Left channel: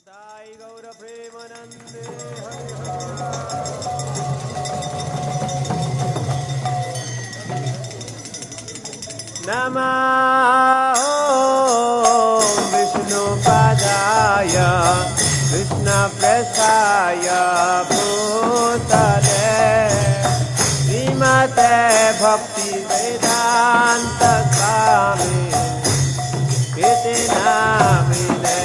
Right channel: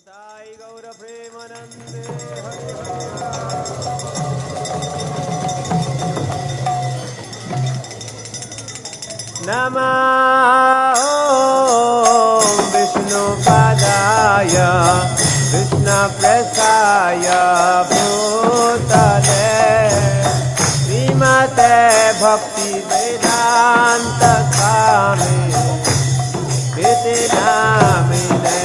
निताई गौर प्रेमानंदे हरि हरि नमः ॐ विष्णुपादाय कृष्णप्रेष्ठाय भूतले श्रीमते भक्तिवेदान्त स्वामी इति नामिने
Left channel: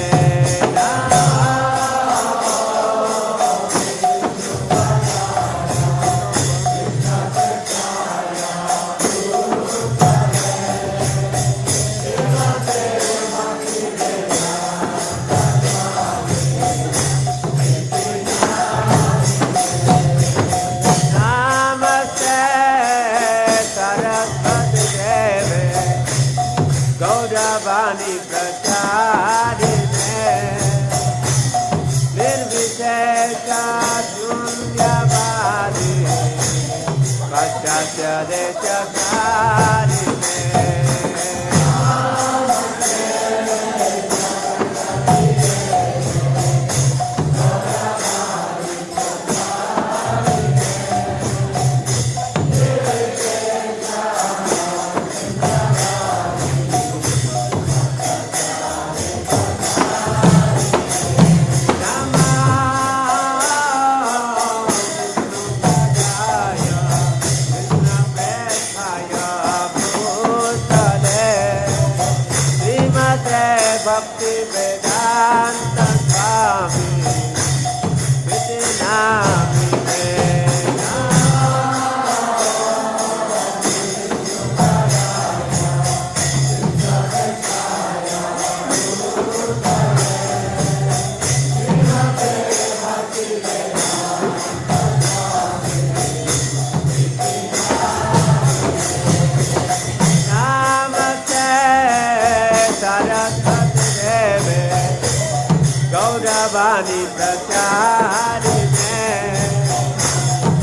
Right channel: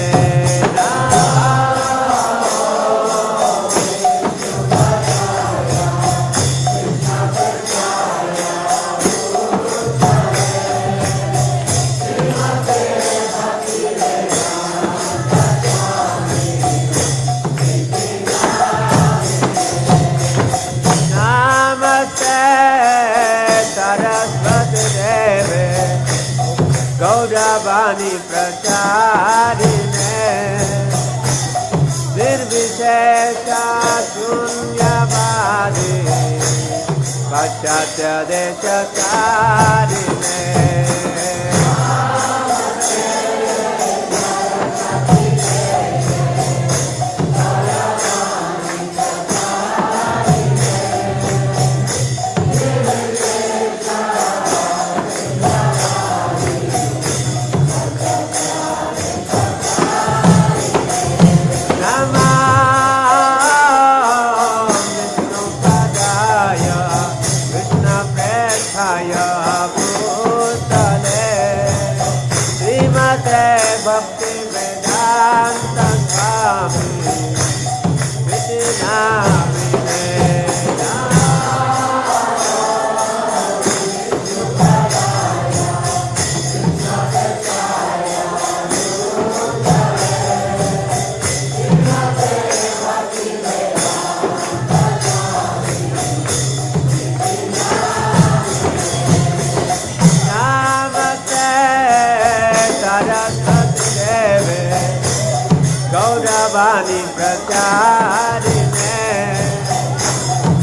गौरवाणी प्रचारिणे निर्विशेष शून्यवादी पाश्चात्य देशकारिणे भक्ति वेदांत स्वामी इति नामिने गौरवाणी प्रचारिणे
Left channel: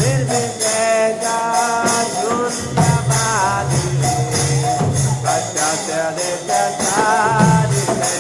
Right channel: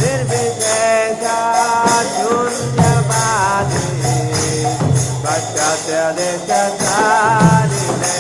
निर्विशेष शून्यवादी पाश्चात्य देशकारिणे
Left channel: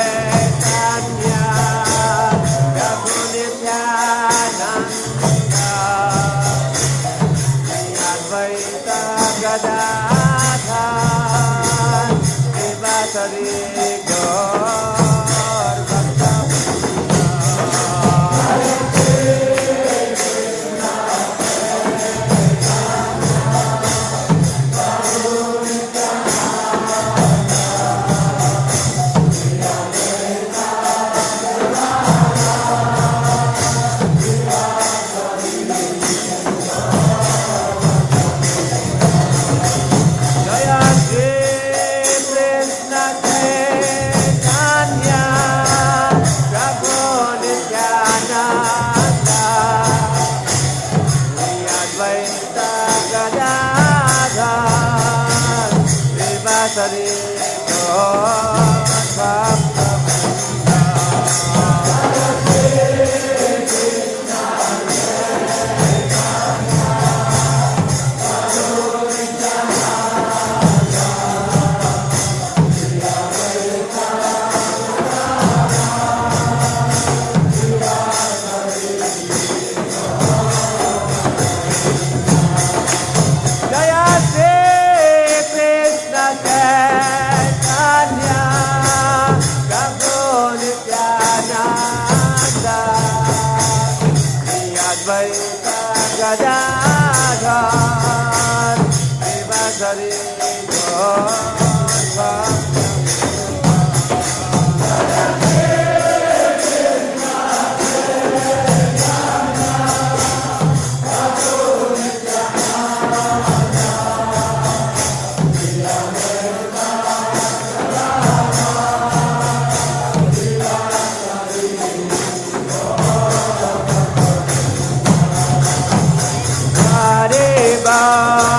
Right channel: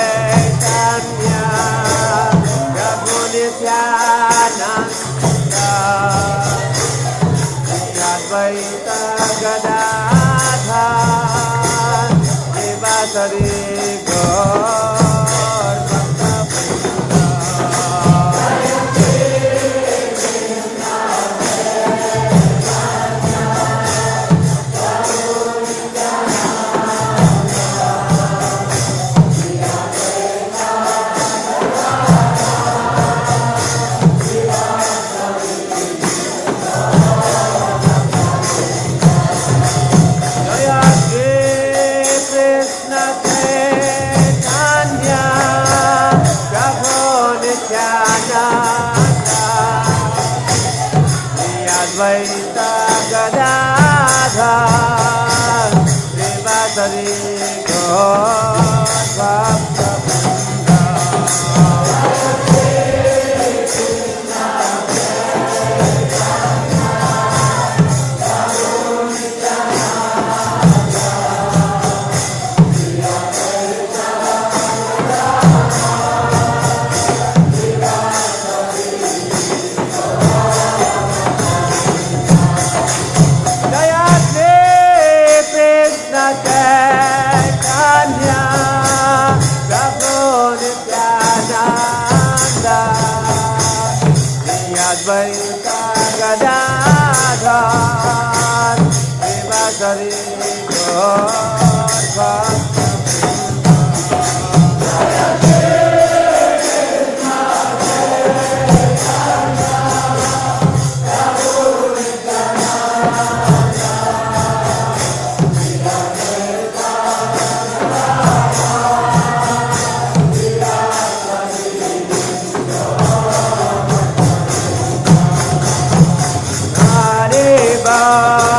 चैतन्य प्रभु नित्यानंद अद्वैत गदाधर शिवासरि गौर भक्तवृंद अद्वैत गदाधर श्रीवासरि गौर भक्तवृंद चैतन्य प्रभु नित्यानंद अद्वैत गदाधर शिवासरि गौर भक्तवृंद Hare Baba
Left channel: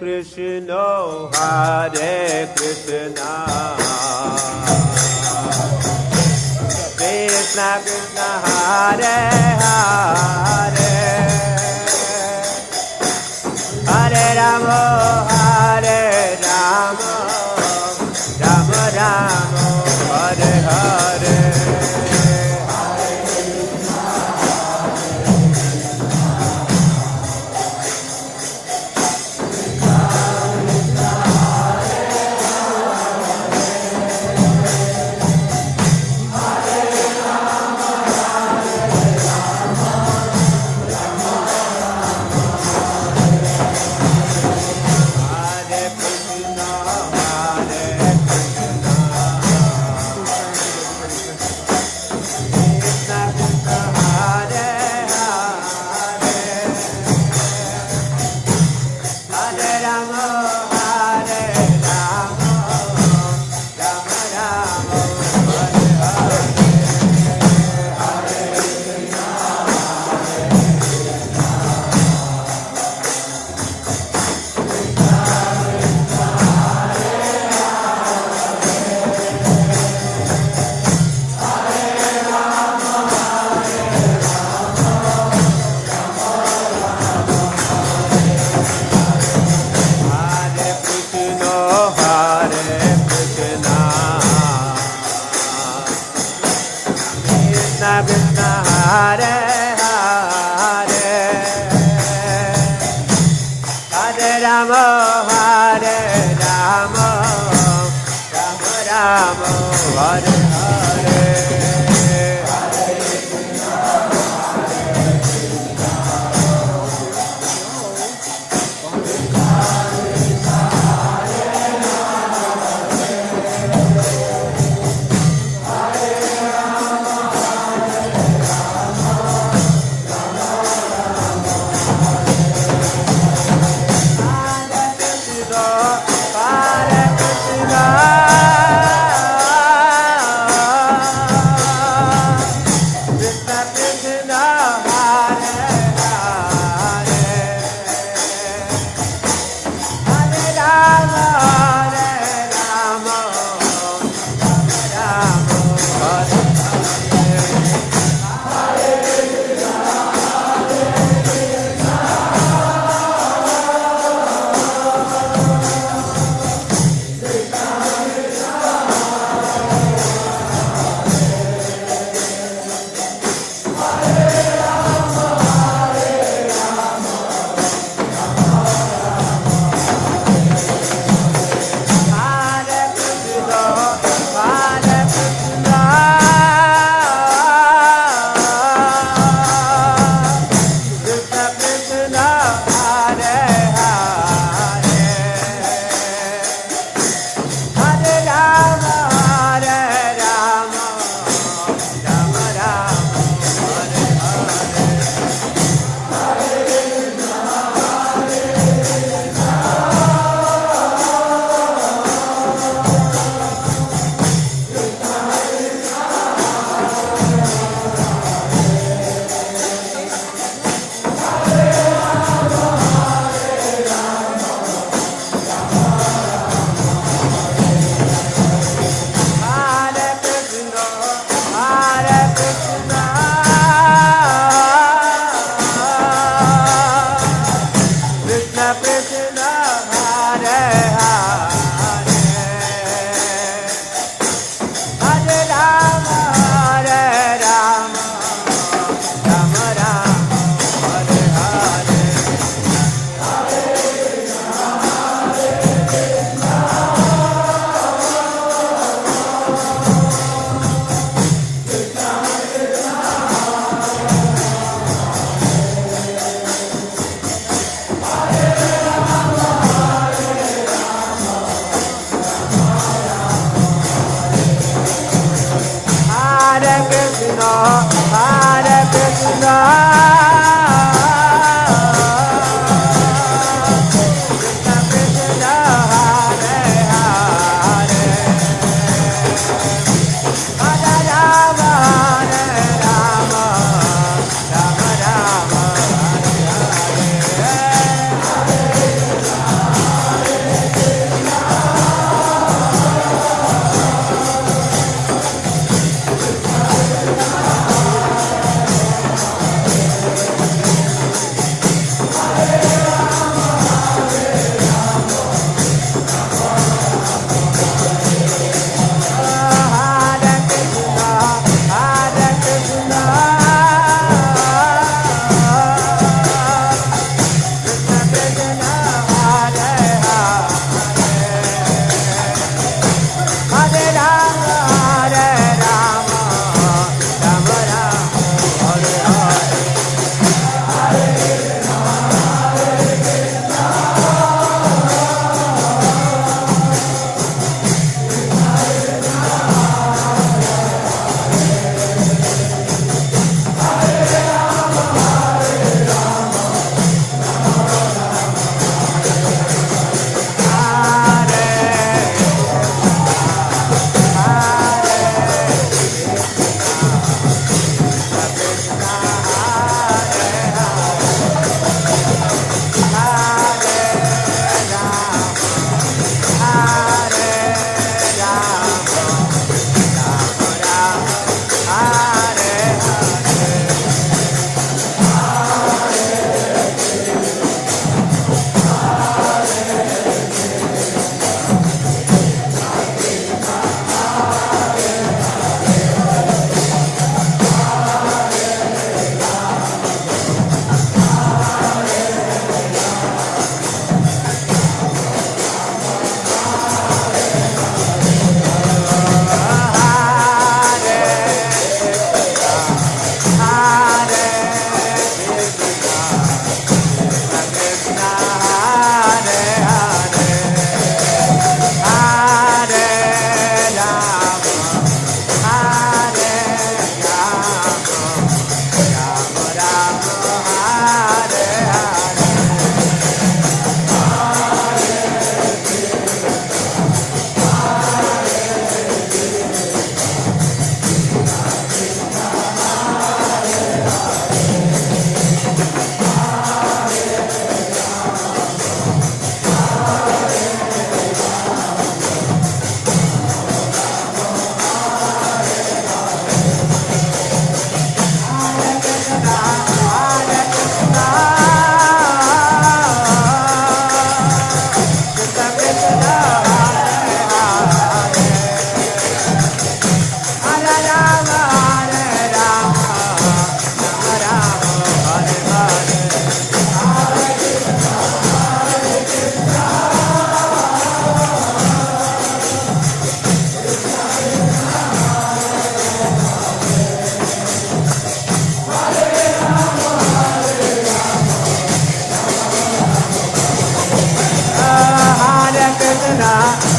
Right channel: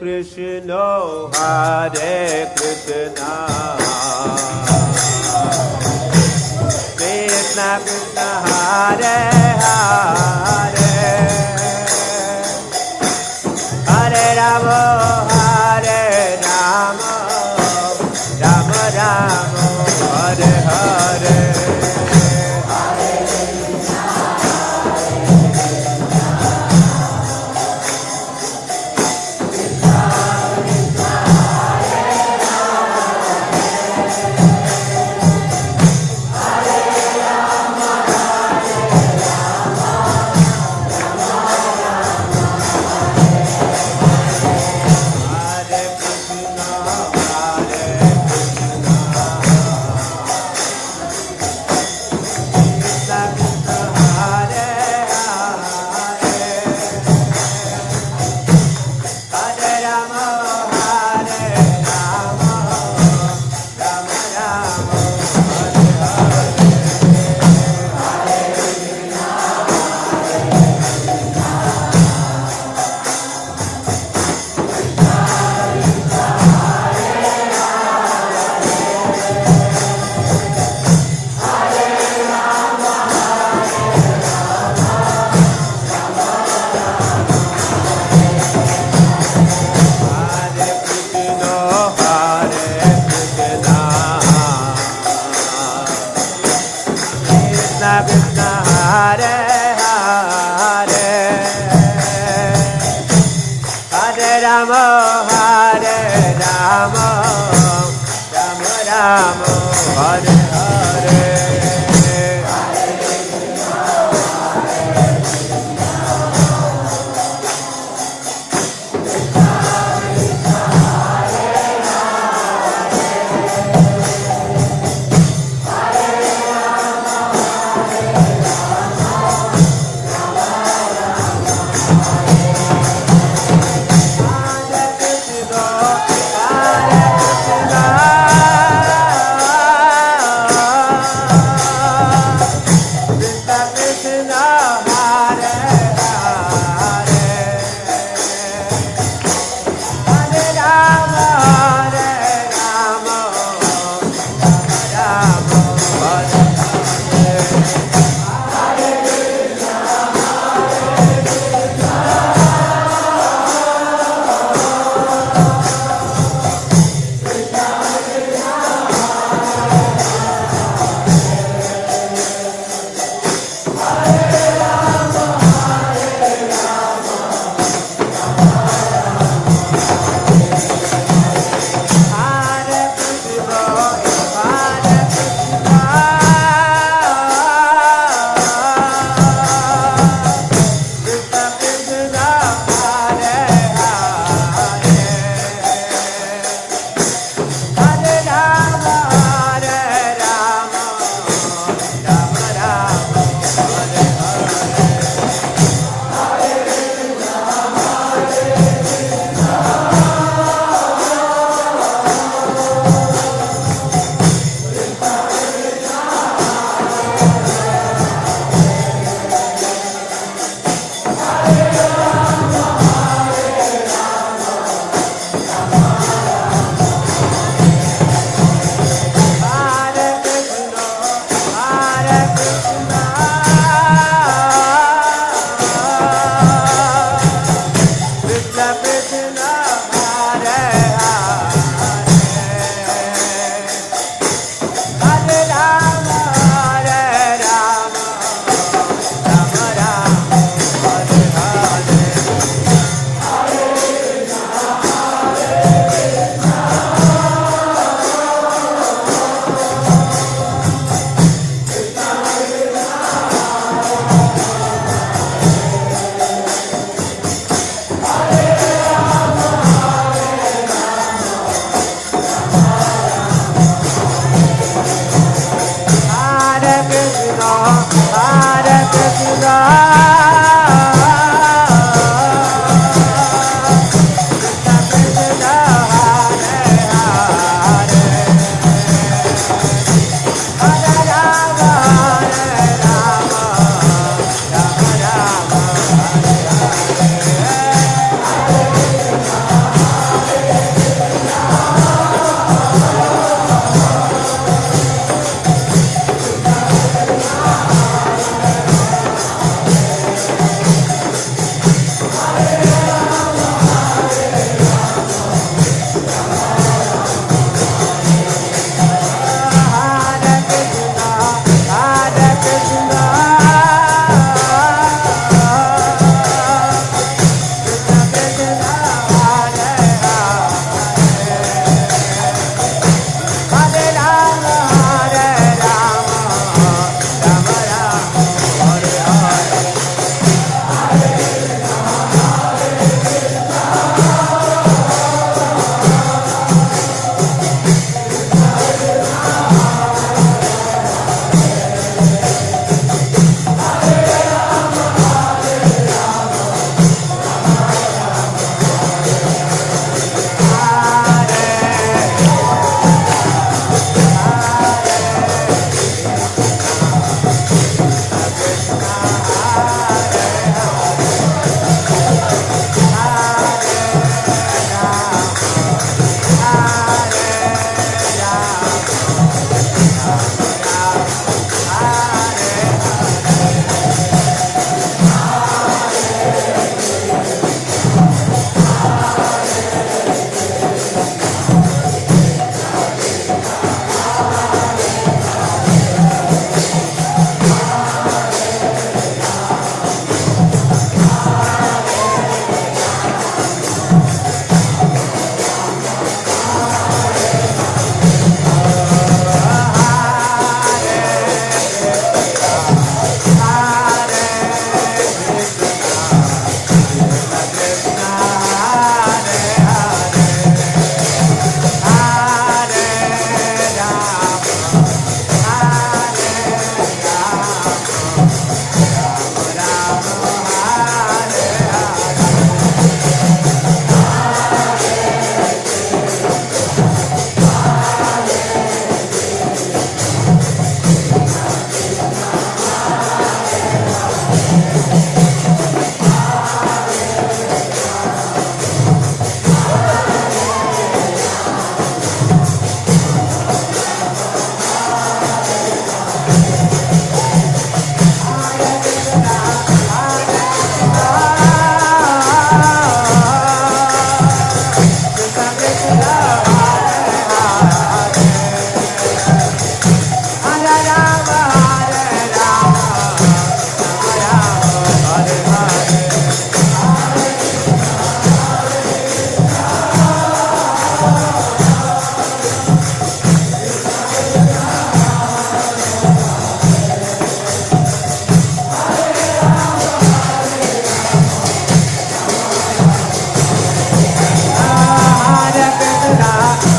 Krishna, Hare Krishna, Krishna Krishna, Hare Hare, Hare Rama, Hare Rama, Rama Rama, Hare Hare. Krishna Hare Hare, Hare Rama, Hare Rama, Rama Rama, Hare Hare.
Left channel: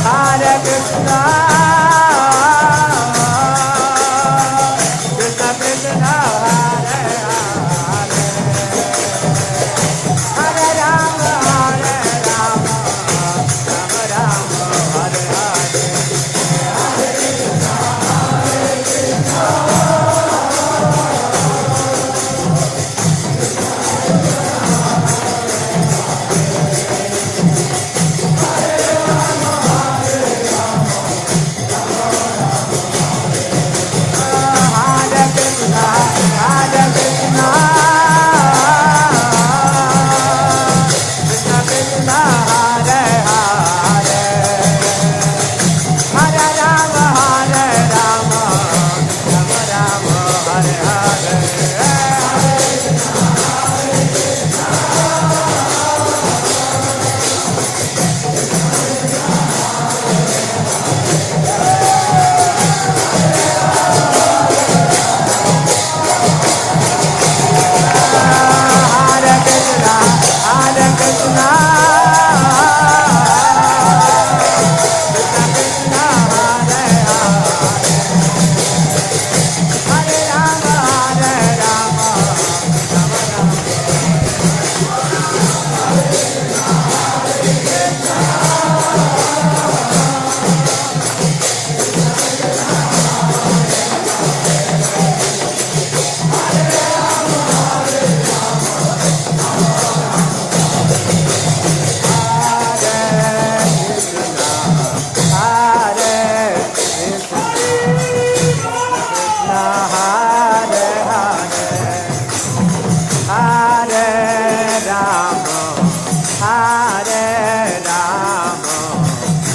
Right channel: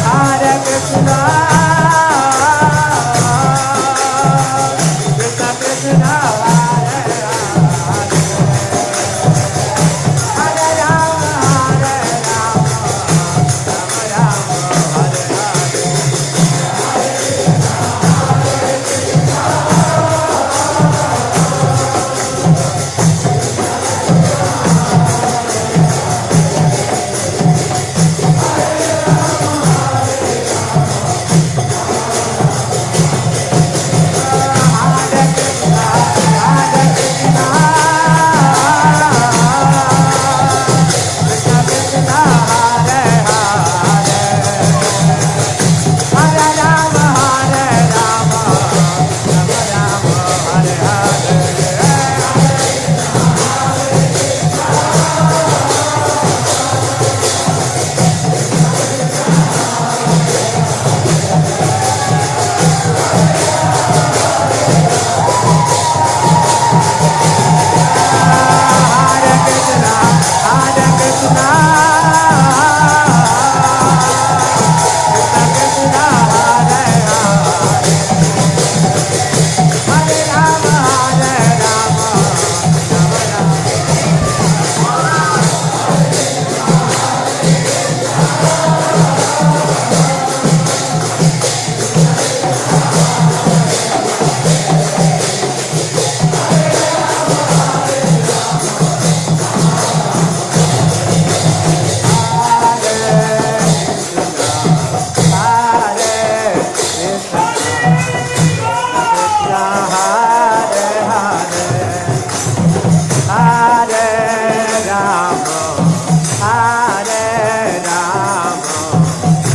Hare Krishna, Krishna Krishna, Hare Hare, Hare Rama,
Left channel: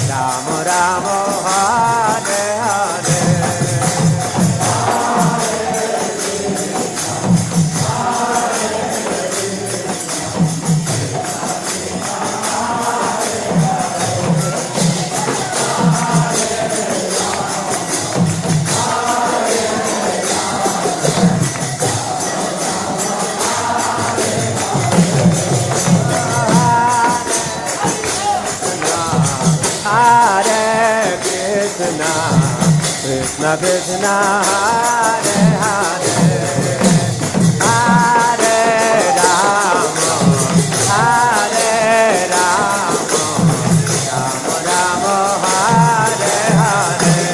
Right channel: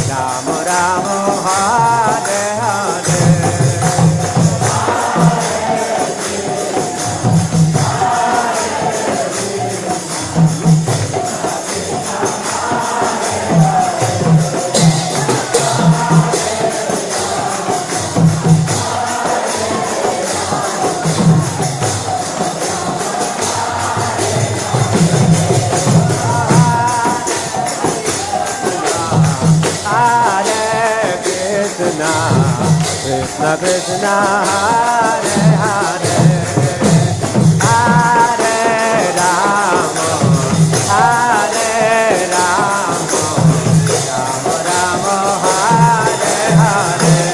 Rama Rama, Hare Hare. Krishna Krishna Hare Hare Hare Rama Hare Rama Rama Rama Hare Hare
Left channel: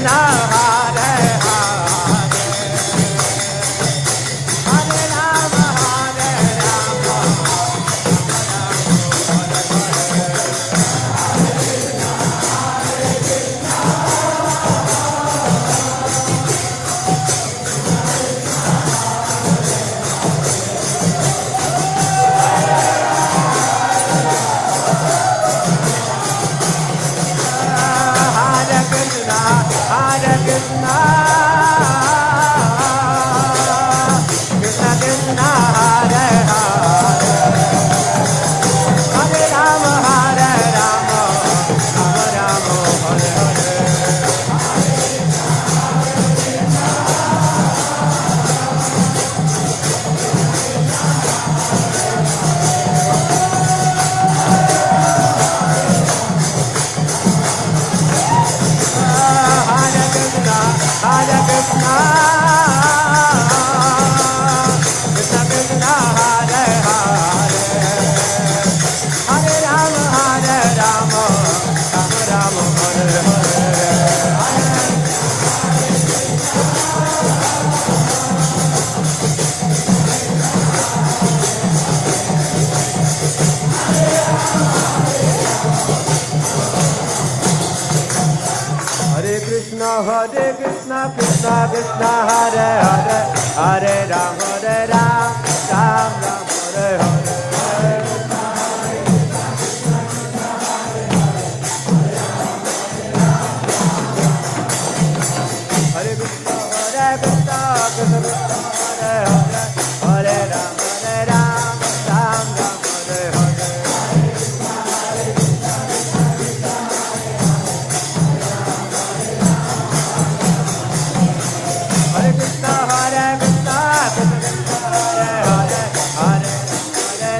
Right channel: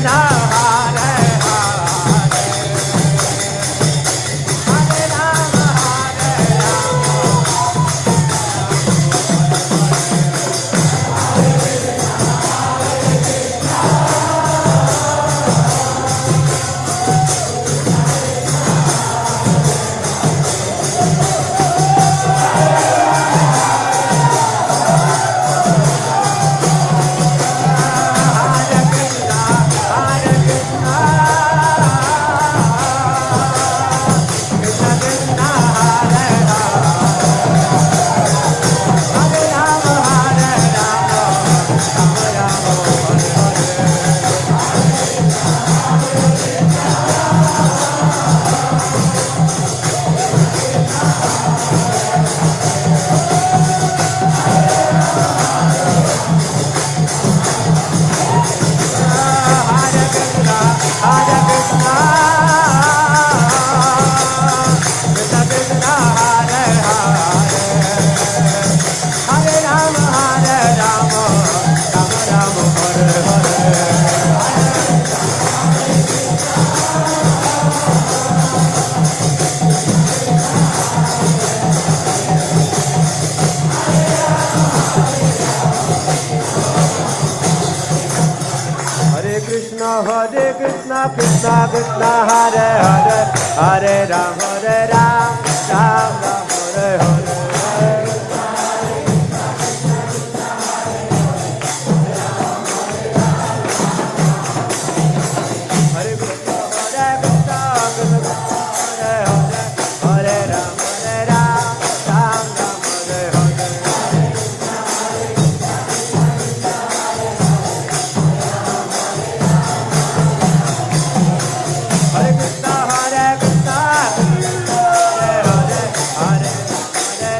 Krishna Hare Hare Hare Rama Hare Rama Hare Krishna Krishna Krishna Hare Hare Hare Rama Hare Rama Rama Rama Hare Hare Hare Krishna Hare Krishna Krishna Krishna Hare Hare Hare Rama Hare Rama Rama Rama Hare Hare Hare Krishna Krishna Krishna Hare Hare Hare Ram Ram Ram Hare Hare Hare Krishna Krishna Krishna Hare Hare Hare Ram Ram Ram Hare Hare Hare Krishna Krishna Krishna Hare Hare Hare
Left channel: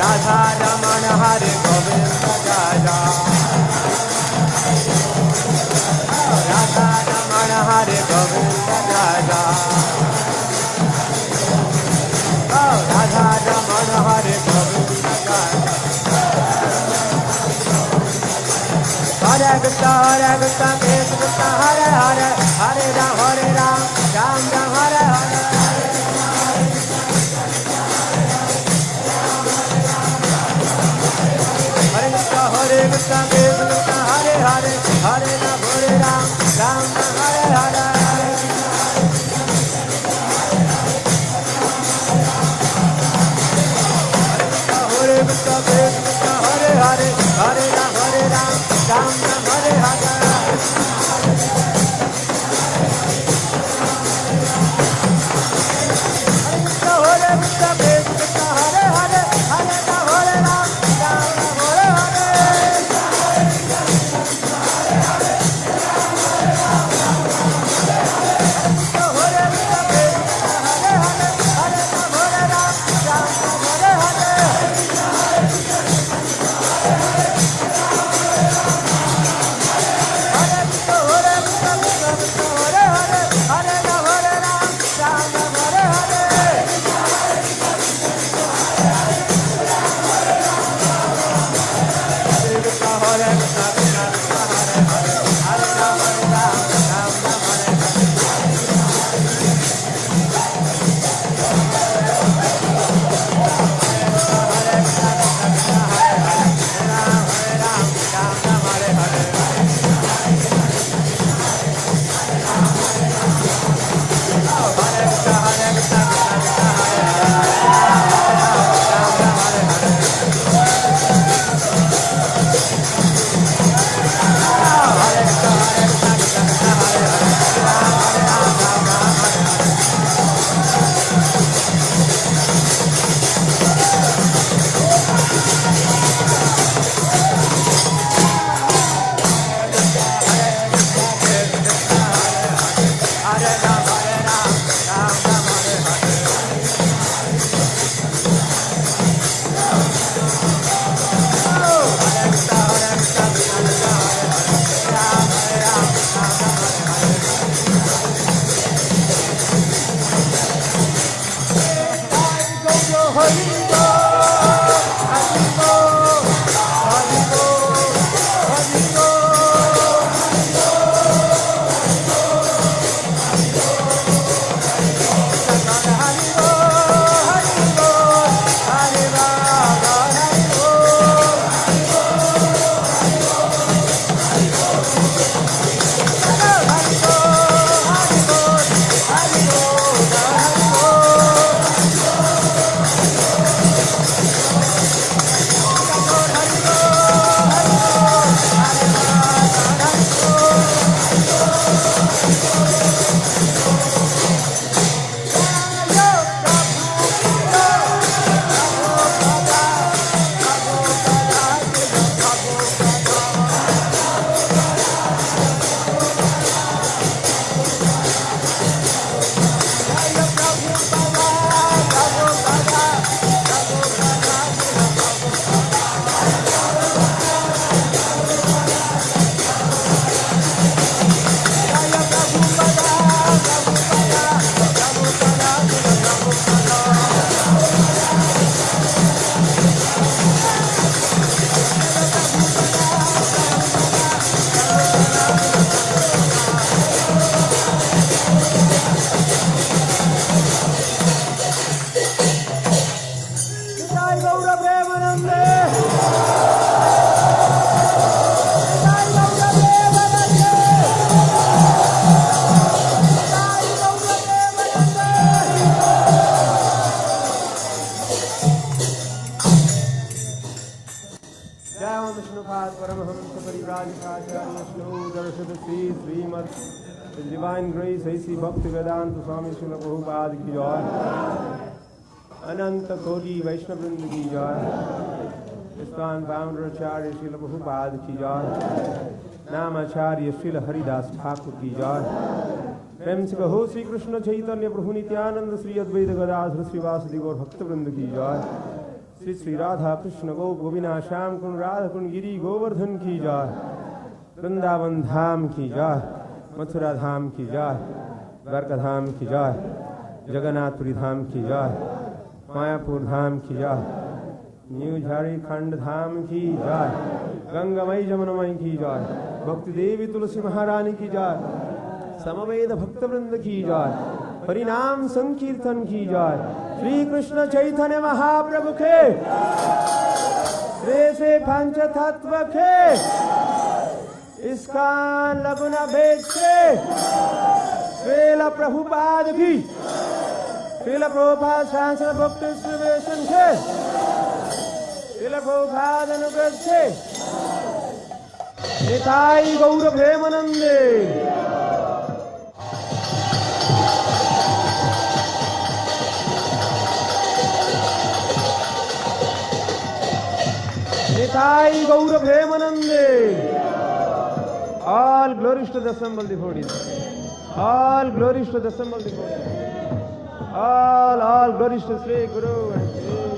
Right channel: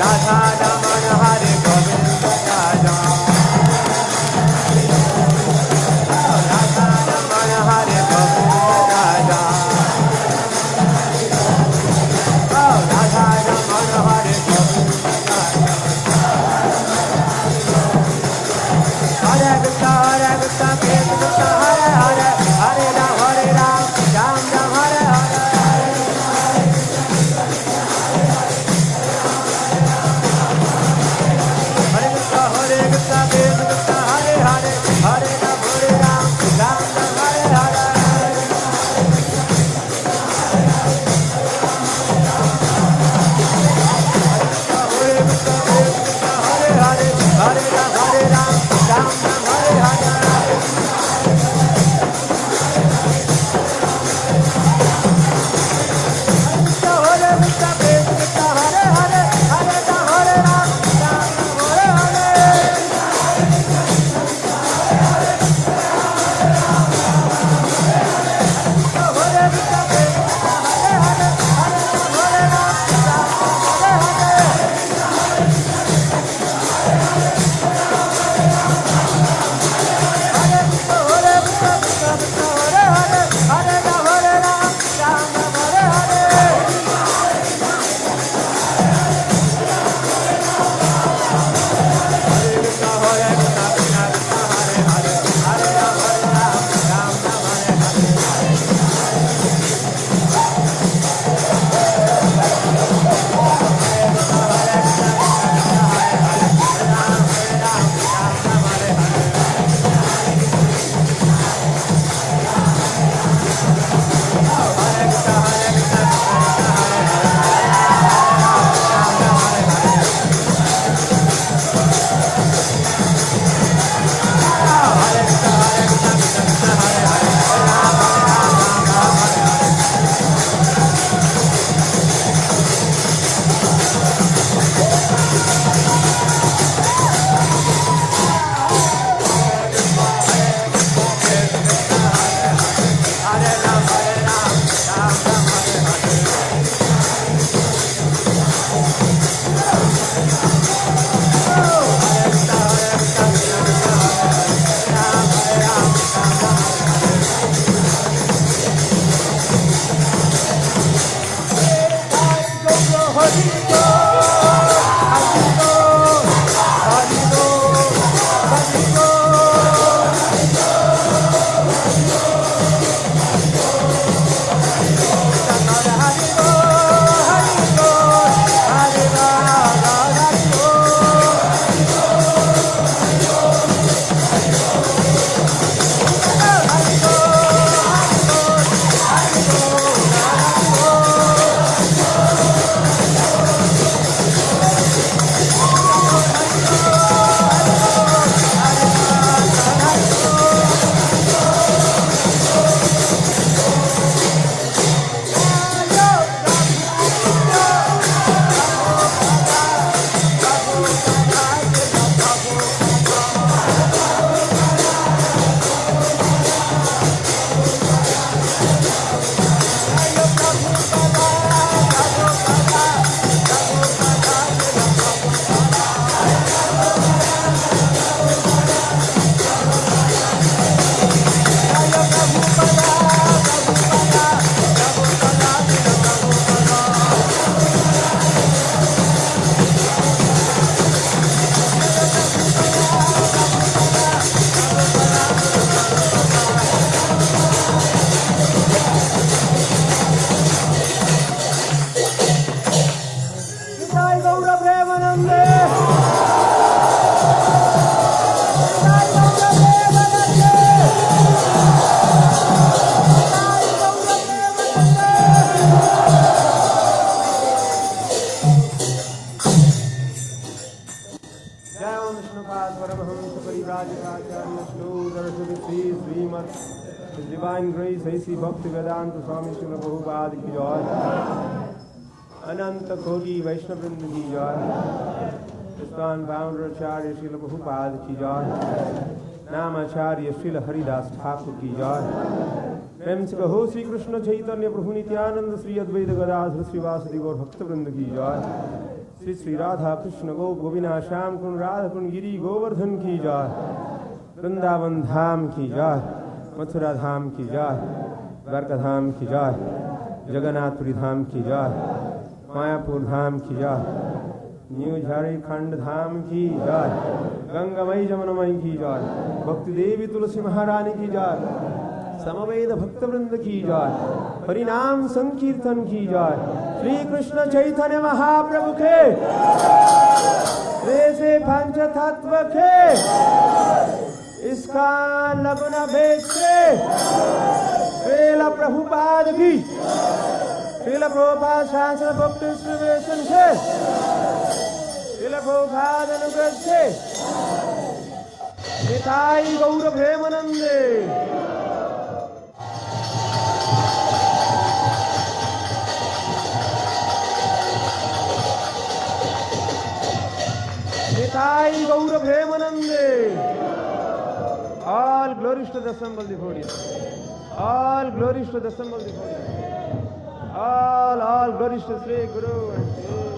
Radha Raman हरे गोविंद जय जय राधा रमण हरे गोविंद जय जय राधा रमण हरे गोविंद जय जय हरे Krishna Krishna Krishna Hare Hare Hare Ram Ram Ram Hare Hare Hare Krishna Krishna Hare Hare Hare Ram Ram Ram Hare Hare Hare Krishna Hare Hare Hare Ram Ram Hare Hare Hare Krishna Hare Hare Hare Ram Ram Hare Hare His Divine Grace, A.C. Bhaktivedanta Swami Srila Prabhupada ki jai. Ananta Koti Vaishnavrinda ki jai. ISKCON founder Acharya Srila Prabhupada ki jai. Namacharya Srila Haridas Thakur ki jai. प्रेम से कहो श्री कृष्ण चैतन्य प्रभु नित्यानंद श्री अद्वैत गदाधर श्रीवासदि गौर भक्तवृंद की जय। श्री श्री राधा कृष्ण गोप गोविंद श्याम कुंड राधा कुंड गिरी गोवर्धन की जय, वृंदावन धाम की जय, मथुरा धाम की जय, द्वारका धाम की जय, जगन्नाथपुरी धाम की जय, मायापुर धाम की जय, न्यू झारखंड धाम की जय, गंगामयी जमुनामयी की जय, भक्ति देवी तुलसी महारानी की जय, समवेद भक्त वृंद की जय, हरिनाम संकीर्तन की जय, श्री कृष्ण चैतन्य महाप्रभु के वे से पंच तत्व के इसका लगना भेद से श्रील प्रभुपाद की, श्रील प्रभुपाद शास्त्र भक्ति श्रीवेशन के, श्रील प्रभुपाद अनुग्रह से निताई गौर प्रेमानंदे। निताई गौर प्रेमानंदे। All glories to the assembled devotees. All glories to the assembled devotees. All glories to Sri Guru and Sri